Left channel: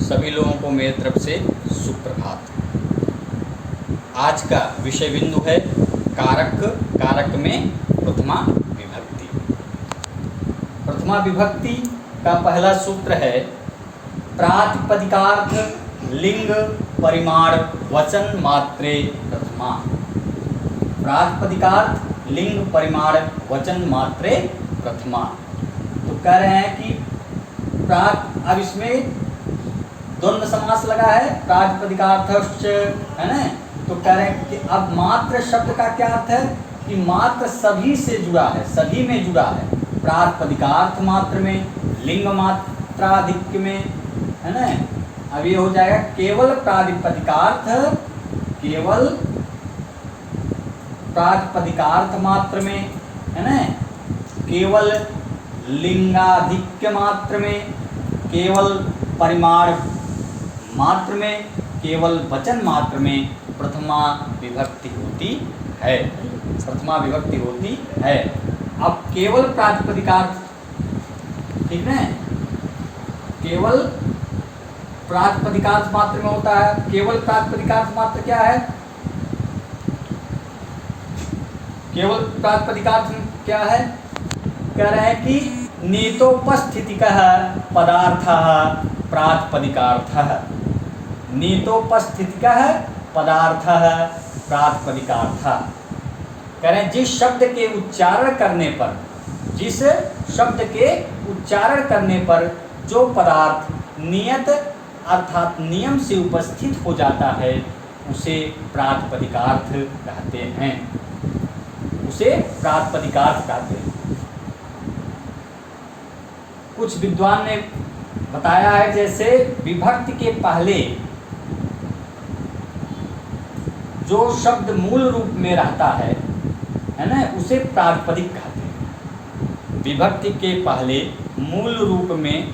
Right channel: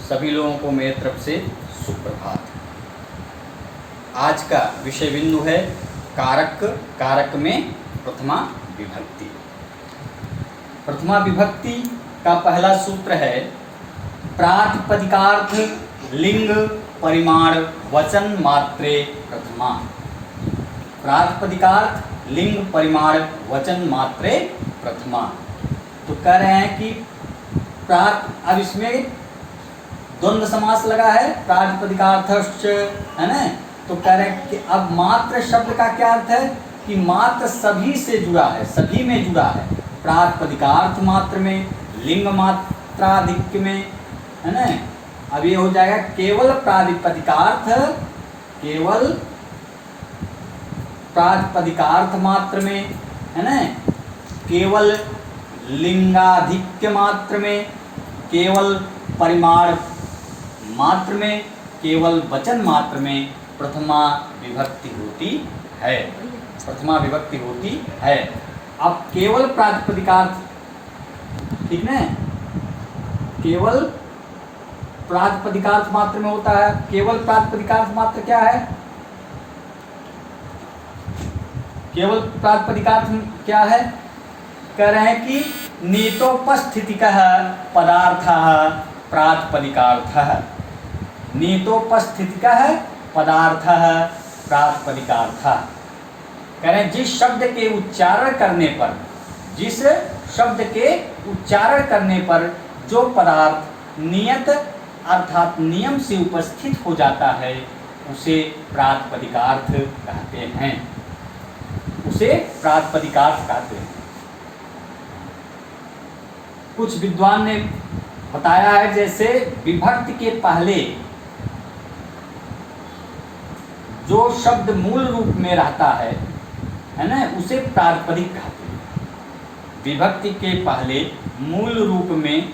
सभी लोगों को मेरी तरफ से सुप्रभात। आज का विषय बिंदु है कारक। कारक में प्रथमा विभक्ति। प्रथमा विभक्ति का पहला सूत्र है प्रातिपदिकार्थ लिंग परिमाण वचन मात्रे प्रथमा। प्रातिपदिकार्थ लिंग परिमाण वचन मात्रे प्रथमा। तो कह रहे हैं कि अब इसमें द्वंद्व समास लगा है, प्रातिपदिकार्थश्च, है ना। तो कह रहे हैं कि अब मात्र शब्द का क्या अर्थ है कि मात्र सभी से जुड़ा है, सभी में जुड़ा है। प्रातिपदिकार्थ मात्र में, लिंग मात्राधिक्य में, है ना। अब ये हो जाएगा केवल प्रातिपदिकार्थ, केवल प्रातिपदिकार्थ मात्र में, है ना। केवल लिंगाधिक्य मात्र में, केवल परिमाण मात्र में, केवल वचन मात्र में प्रथमा विभक्ति होती है। प्रथमा विभक्ति होती है। अब केवल प्रातिपदिकार्थ, ठीक है, केवल प्रातिपदिकार्थ मात्र में होता है। केवल प्रातिपदिकार्थ मात्र क्या है? केवल प्रातिपदिकार्थ क्या है? कह रहे हैं कि नीतोपस्थितिकः पदार्थः प्रातिपदिकार्थः। नीतोपस्थितिकः पदार्थः प्रातिपदिकार्थः। कह रहे हैं जिस शब्द के उच्चारण करने पर, जिस शब्द के उच्चारण करने पर जो पदार्थ नियत अर्थात नियम से उपस्थित हो जाता है उसे प्रातिपदिकार्थ कहते हैं। उसे प्रातिपदिकार्थ कहते हैं। कुछ विद्वान ने बताया है जैसे विभक्ति के पहले जो शब्द मूल रूप में रहता है ना, उसे प्रातिपदिक कहते हैं। विभक्ति के पहले मूल रूप में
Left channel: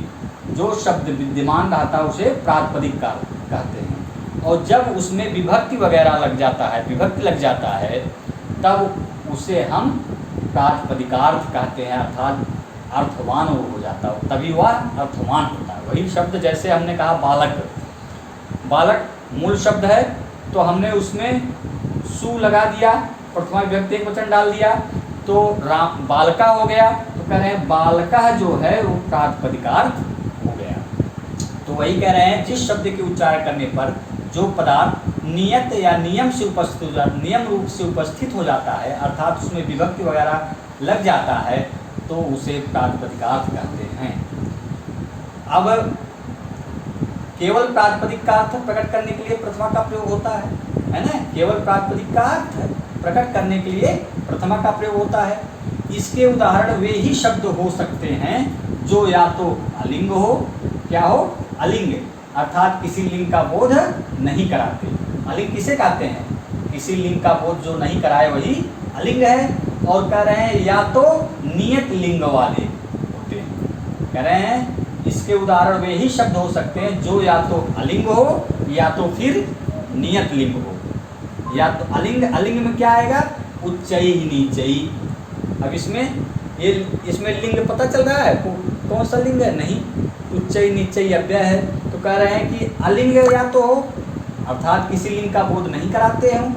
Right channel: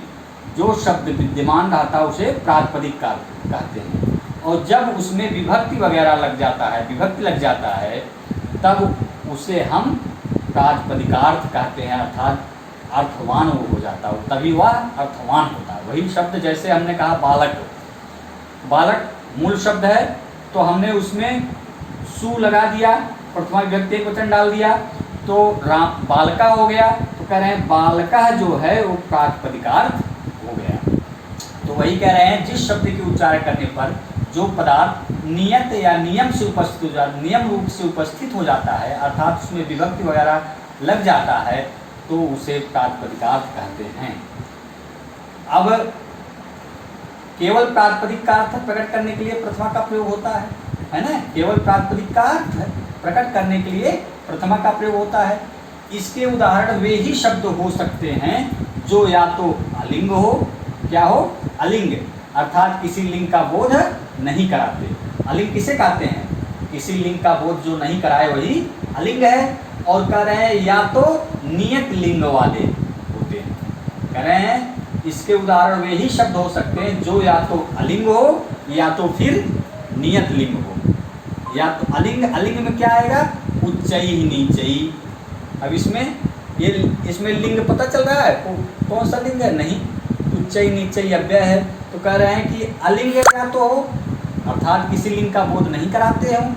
जो शब्द विद्यमान रहता है उसे प्रातिपदिक कहते हैं। और जब उसमें विभक्ति वगैरह लग जाता है, विभक्ति लग जाता है, तब उसे हम प्रातिपदिकार्थ कहते हैं। अर्थात अर्थवान वो हो जाता है, तभी वह अर्थवान होता है। वही शब्द जैसे हमने कहा बालक, बालक मूल शब्द है तो हमने उसमें सु लगा दिया, प्रथमा विभक्ति एकवचन डाल दिया तो बालका हो गया। तो कह रहे हैं बालका जो है वो प्रातिपदिकार्थ हो गया। तो वही कह रहे हैं जिस शब्द के उच्चारण करने पर जो पदार्थ नियत या नियम से उपस्थित हो जाता, नियम रूप से उपस्थित हो जाता है, अर्थात उसमें विभक्ति वगैरह लग जाता है, तो उसे प्रातिपदिकार्थ कहते हैं। अब केवल प्रातिपदिक का अर्थ प्रकट करने के लिए प्रथमा का प्रयोग होता है ना। केवल प्रातिपदिक का अर्थ प्रकट करने के लिए प्रथमा का प्रयोग होता है। इसके उदाहरण वे ही शब्द हो सकते हैं जो या तो अलिंग हो, क्या हो, अलिंग, अर्थात किसी लिंग का बोध नहीं कराते। अलिंग किसे कहते हैं? किसी लिंग का बोध जो नहीं कराए वही अलिंग है। और कह रहे हैं या तो नियत लिंग वाले होते हैं। कह रहे हैं इसके उदाहरण वे ही शब्द हो सकते हैं जो या तो अलिंग हो या तो फिर नियत लिंग हो। या तो अलिंग, अलिंग में क्या आएगा? उच्चई नीचई। अब इसमें लिंग पता चल रहा है कौन सा लिंग है? नहीं, उच्चई नीचई अव्यय है। तो कह रहे हैं कि अलिंग या तो हो, अर्थात किसी लिंग का बोध नहीं कराते हों,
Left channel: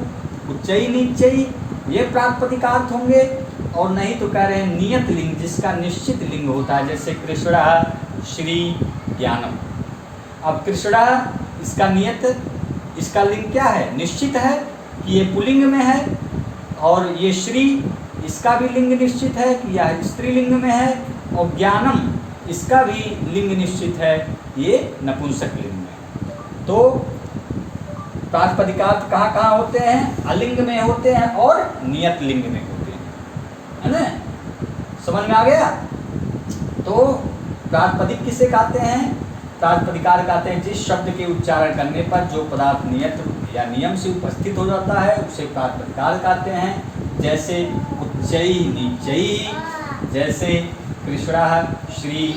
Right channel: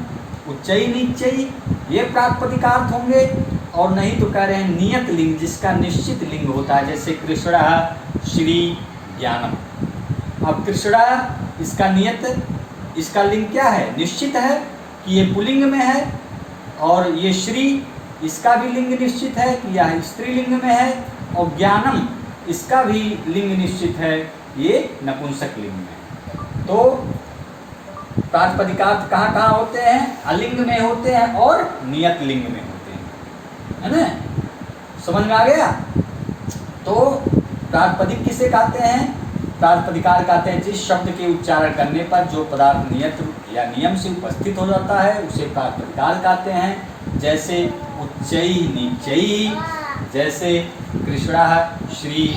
उच्चई नीचई ये प्रातिपदिकार्थ होंगे। और नहीं तो कह रहे हैं नियत लिंग जिसका निश्चित लिंग होता है, जैसे कृष्णा, श्री, ज्ञानम। अब कृष्णा इसका नियत, इसका लिंग क्या है? निश्चित है कि ये पुल्लिंग में है। और ये श्री इसका भी लिंग निश्चित है कि यह स्त्रीलिंग में है। और ज्ञानम इसका भी लिंग निश्चित है, ये नपुंसक लिंग में। तो प्रातिपदिकार्थ कहाँ कहाँ होते हैं? अलिंग में होते हैं और नियत लिंग में होते हैं, है ना। समझ में आ गया? तो प्रातिपदिक किसे कहते हैं? प्रातिपदिकार्थ कहते हैं जिस शब्द के उच्चारण करने पर जो पदार्थ नियत या नियम से उपस्थित हो जाता है उसे प्रातिपदिकार्थ कहते हैं। जैसे उच्चई नीचई, जैसे कृष्णा, श्री,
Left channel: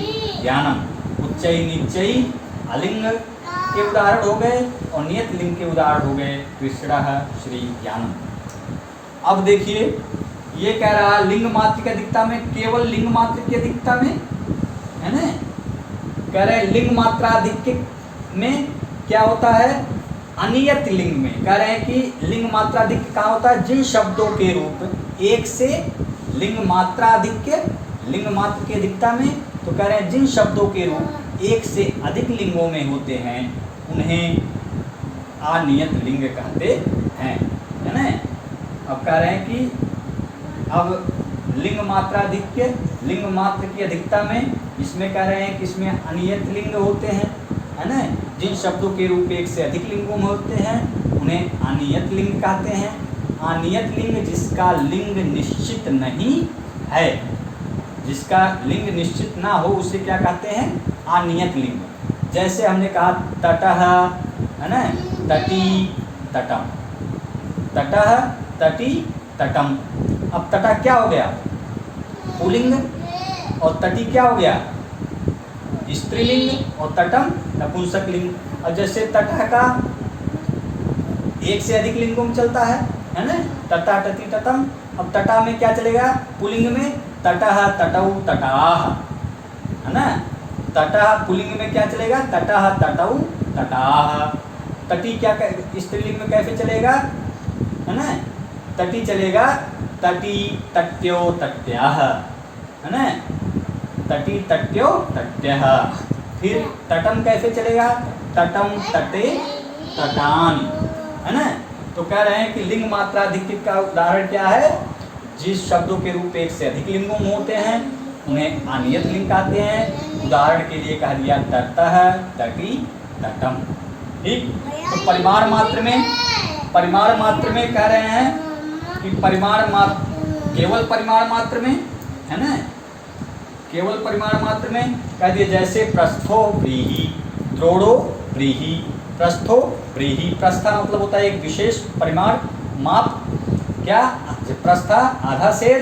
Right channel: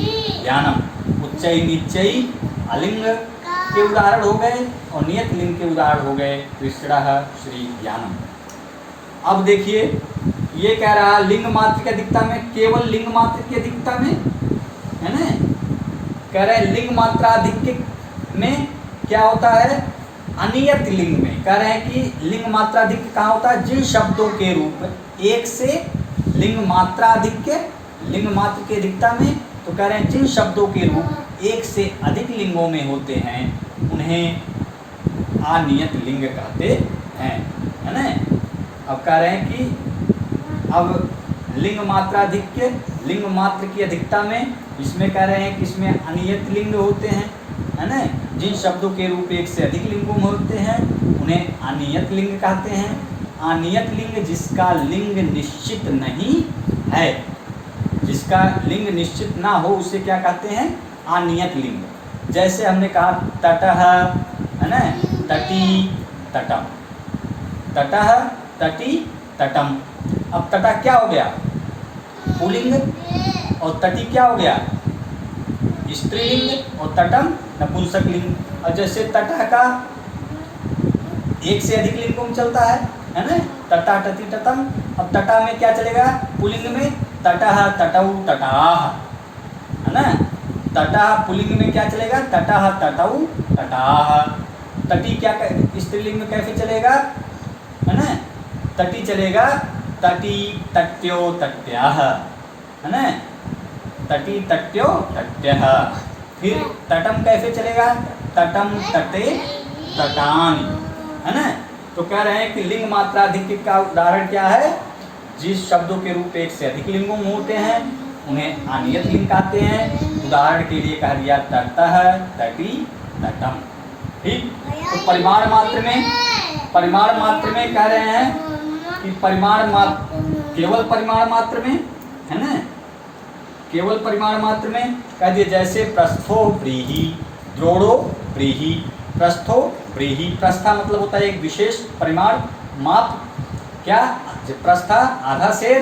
ज्ञानम। उच्चई नीचई अलिंग के उदाहरण हो गए और नियत लिंग के उदाहरण हो गए कृष्णा, श्री, ज्ञानम। अब देखिए ये कह रहा है लिंग मात्र की अधिकता में, केवल लिंग मात्र की अधिकता में, है ना। कह रहे हैं लिंग मात्राधिक्य में क्या होता है, अनियत लिंग में। कह रहे हैं कि लिंग मात्राधिक्य कहाँ होता है, जिन शब्दों के रूप एक से लिंग मात्राधिक्य, लिंग मात्र की अधिकता में। तो कह रहे हैं जिन शब्दों के रूप एक से अधिक लिंगों में होते हैं उन्हें अनियत लिंग कहते हैं, है ना। अब कह रहे हैं कि अब लिंग मात्राधिक्य, लिंग मात्र की अधिकता में, इसमें कह रहे हैं कि इसमें अनियत लिंग होते हैं, है ना। जिन शब्दों के रूप एक से अधिक लिंगों में होते हैं उन्हें अनियत लिंग कहते हैं। अनियत लिंग जिसका लिंग निश्चित नहीं है, जिसका लिंग निश्चित ना हो उसे क्या कहते हैं, अनियत लिंग। जैसे हमने कहा तटः, है ना, तटी तटम, तटः तटी तटम। अब तटः क्या हो गया, पुल्लिंग, और तटी क्या हो गया, स्त्रीलिंग, और तटम नपुंसक लिंग। और जैसे तटः का एक से अधिक लिंगों में चलता है ना, तटा तटी तटम। अब तटा में क्या चलेगा, पुल्लिंग में तटः तटौ तटाः, है ना। तटः पुल्लिंग में क्या चलेगा, तटः तटौ तटाः। तटी क्या स्त्रीलिंग में कैसे चलेगा, है ना, तटी चलेगा तटी तट्यो तट्याः, है ना, तटी तट्यो तट्यः। फिर तटम कैसे चलेगा, तटम तटे तटान, है ना। तो कह रहे हैं कि लिंग मात्राधिक्य का उदाहरण क्या है, जिस शब्दों के रूप एक से अधिक लिंगों में होते हैं उन्हें अनियत लिंग कहते हैं। उदाहरण के लिए कह दिया तटः तटी तटम, ठीक। तो परिमाण मात्र में, परिमाण मात्र में कह रहे हैं कि परिमाण मात्र, केवल परिमाण मात्र में, है ना, केवल परिमाण मात्र में कह दिए। जैसे प्रस्थो व्रीहि, द्रोणो व्रीहि। प्रस्थो व्रीहि, प्रस्था मतलब होता है एक विशेष परिमाण माप, क्या, प्रस्था आधा सेर,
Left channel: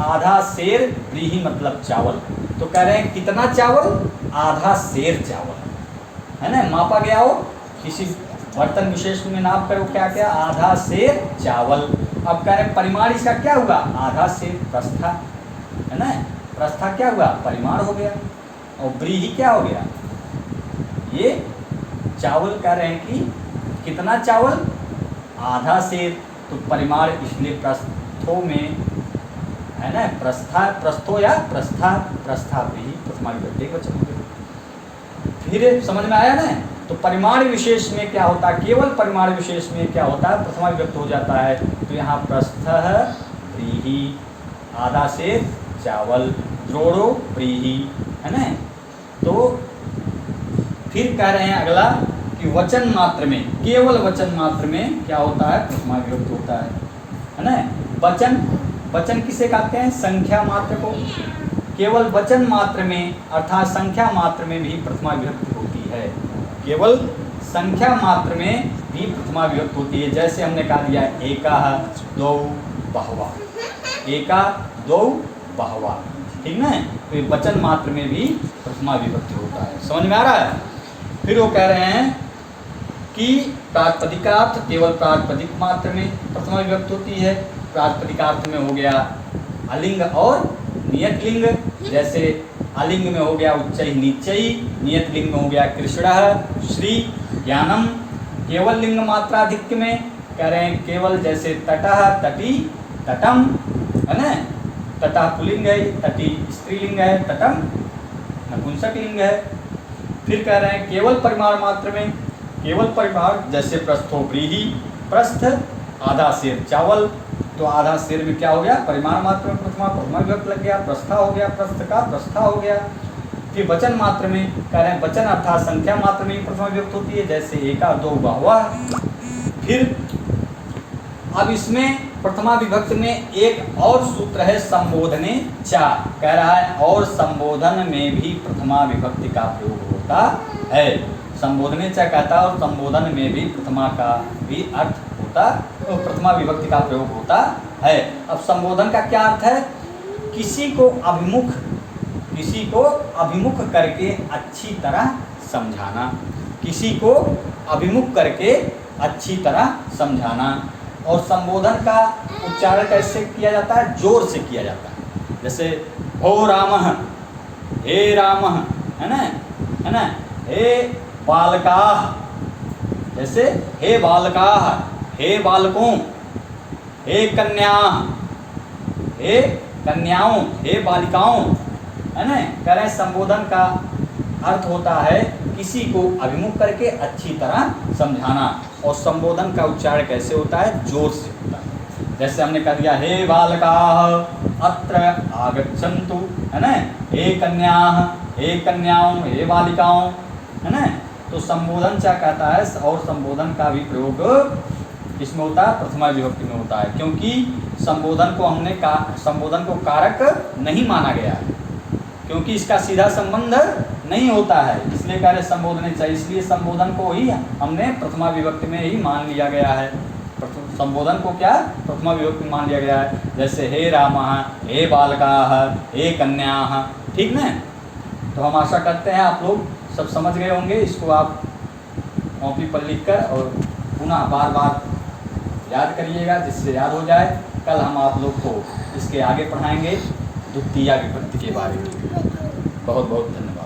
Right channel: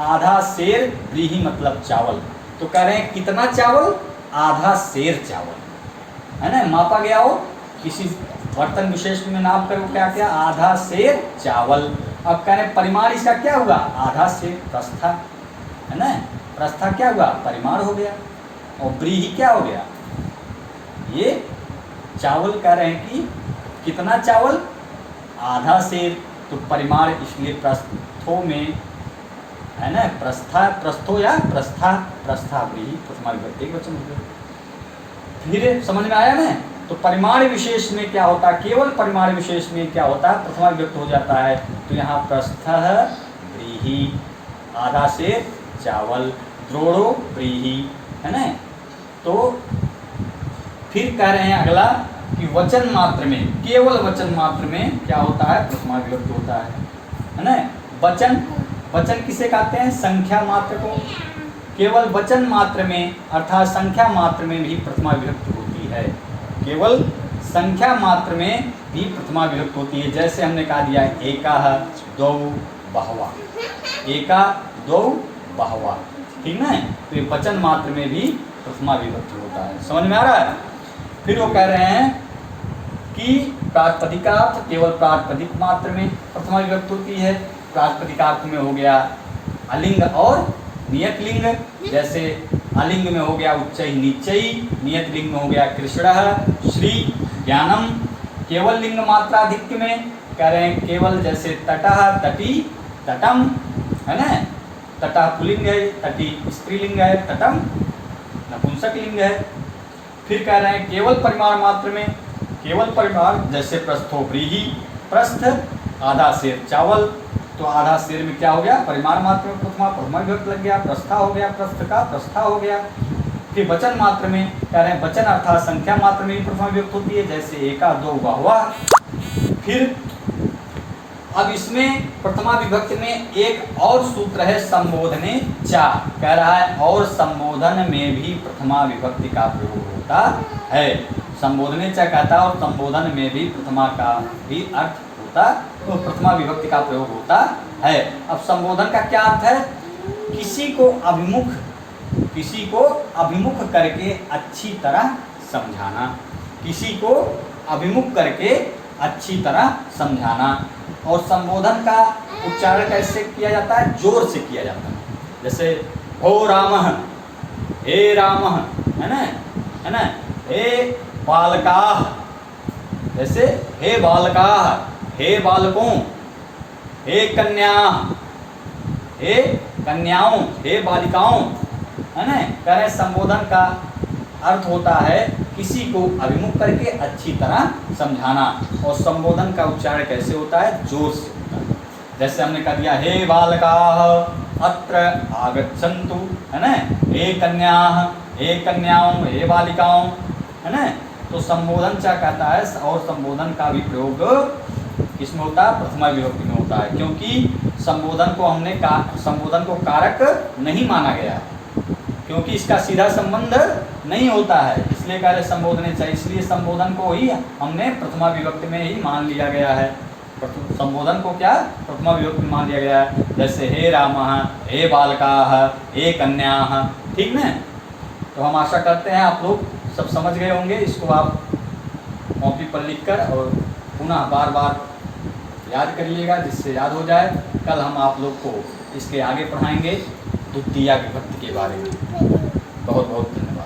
आधा सेर, व्रीहि मतलब चावल। तो कह रहे हैं कितना चावल, आधा सेर चावल, है ना, मापा गया हो किसी बर्तन विशेष में, नाप कर क्या क्या, आधा सेर चावल। अब कह रहे हैं परिमाण इसका क्या हुआ, आधा सेर प्रस्था, है ना। प्रस्था क्या हुआ, परिमाण हो गया। और व्रीहि क्या हो गया, ये चावल। कह रहे हैं कि कितना चावल, आधा सेर। तो परिमाण इसलिए प्रस्थों में, है ना, प्रस्था, प्रस्थो या प्रस्था, प्रस्था व्रीहि प्रथमा विभक्ति वचन हो गया। फिर समझ में आया ना। तो परिमाण विशेष में क्या होता है, केवल परिमाण विशेष में क्या होता है, प्रथमा विभक्ति हो जाता है। तो यहाँ प्रस्थः व्रीहि, आधा सेर चावल, द्रोणो व्रीहि, है ना। तो फिर कह रहे हैं अगला कि वचन मात्र में, केवल वचन मात्र में क्या होता है, प्रथमा विभक्ति होता है ना। वचन, वचन किसे कहते हैं, संख्या मात्र को। केवल वचन मात्र में अर्थात संख्या मात्र में भी प्रथमा विभक्ति होती है, केवल संख्या मात्र में भी प्रथमा विभक्ति होती है। जैसे हमने कहा दिया एकाः द्वौ बहवः, एका दो बहवः, ठीक ना। तो वचन मात्र में भी प्रथमा विभक्ति होता है, समझ में आ रहा है। फिर वो कह रहे हैं कि प्रातिपदिकार्थ, केवल प्रातिपदिक मात्र में प्रथमा विभक्ति होती है। प्रातिपदिकार्थ में हो गया अलिंग और नियत लिंग। जैसे अलिंग में हो गया उच्चई नीचई, नियत लिंग में हो गया कृष्णः श्री ज्ञानम। केवल लिंग मात्राधिक्य में कह रहे हैं केवल, जैसे तटः तटी तटम, है ना, तटः पुल्लिंग है, तटी स्त्रीलिंग है, तटम नपुंसक लिंग है। फिर कह रहे हैं केवल परिमाण मात्र में, केवल परिमाण, जैसे प्रस्थो व्रीहि, प्रस्थ आधा सेर चावल। तो आधा सेर में क्या हो गया, परिमाण मात्र में प्रथमा विभक्ति लग गया, प्रस्था हो गया, प्रस्थ का प्रस्था हो गया। फिर वचन मात्र में कह रहे हैं वचन अर्थात संख्या मात्र में ही प्रथमा विभक्ति होती है, जैसे एका दो बहवः। फिर अब इसमें प्रथमा विभक्ति में एक और सूत्र है संबोधने चा, कह रहा है और संबोधन में भी प्रथमा विभक्ति का प्रयोग होता है। संबोधने चा कहता है और संबोधन में भी प्रथमा का भी अर्थ होता, तो प्रथमा विभक्ति का प्रयोग होता है। अब संबोधन का क्या अर्थ है, किसी को अभिमुख, किसी को अभिमुख करके अच्छी तरह समझाना, किसी को अभिमुख करके अच्छी तरह समझाना। और संबोधन का उच्चारण कैसे किया जाता है, जोर से किया जाता है। जैसे हो रामः, हे रामः, है ना, हे बालकाः, जैसे हे बालकाः, हे बालकों, हे कन्याः, हे कन्याओं, हे बालिकाओं, है ना। कह रहे संबोधन का अर्थ होता है किसी को अभिमुख करके अच्छी तरह समझाना। और संबोधन का उच्चारण कैसे होता है? जोर से होता है। जैसे हमने कह दिया हे बालकाः अत्र आगच्छन्तु, है ना, हे कन्याः, हे कन्याओं, हे बालिकाओं, है ना। तो संबोधन क्या कहता है? और संबोधन का भी प्रयोग किसमें होता है? प्रथमा विभक्ति में होता है, क्योंकि संबोधन को हमने संबोधन को कारक नहीं माना गया है, क्योंकि इसका सीधा संबंध नहीं होता है, इसलिए कह रहे संबोधन चाहिए। इसलिए संबोधन को ही हमने प्रथमा विभक्ति में ही मान लिया गया है। संबोधन को क्या प्रथमा विभक्ति में मान लिया गया है। जैसे हे रामः, हे बालकाः, हे कन्याः, ठीक ना। तो हम आशा करते हैं आप लोग सब समझ गए होंगे। इसको आप कॉपी पर लिखकर और पुनः बार बार याद करिएगा, जिससे याद हो जाए। कल हम आप लोग को इसके आगे पढ़ाएंगे द्वितीया विभक्ति के बारे में। बहुत बहुत धन्यवाद।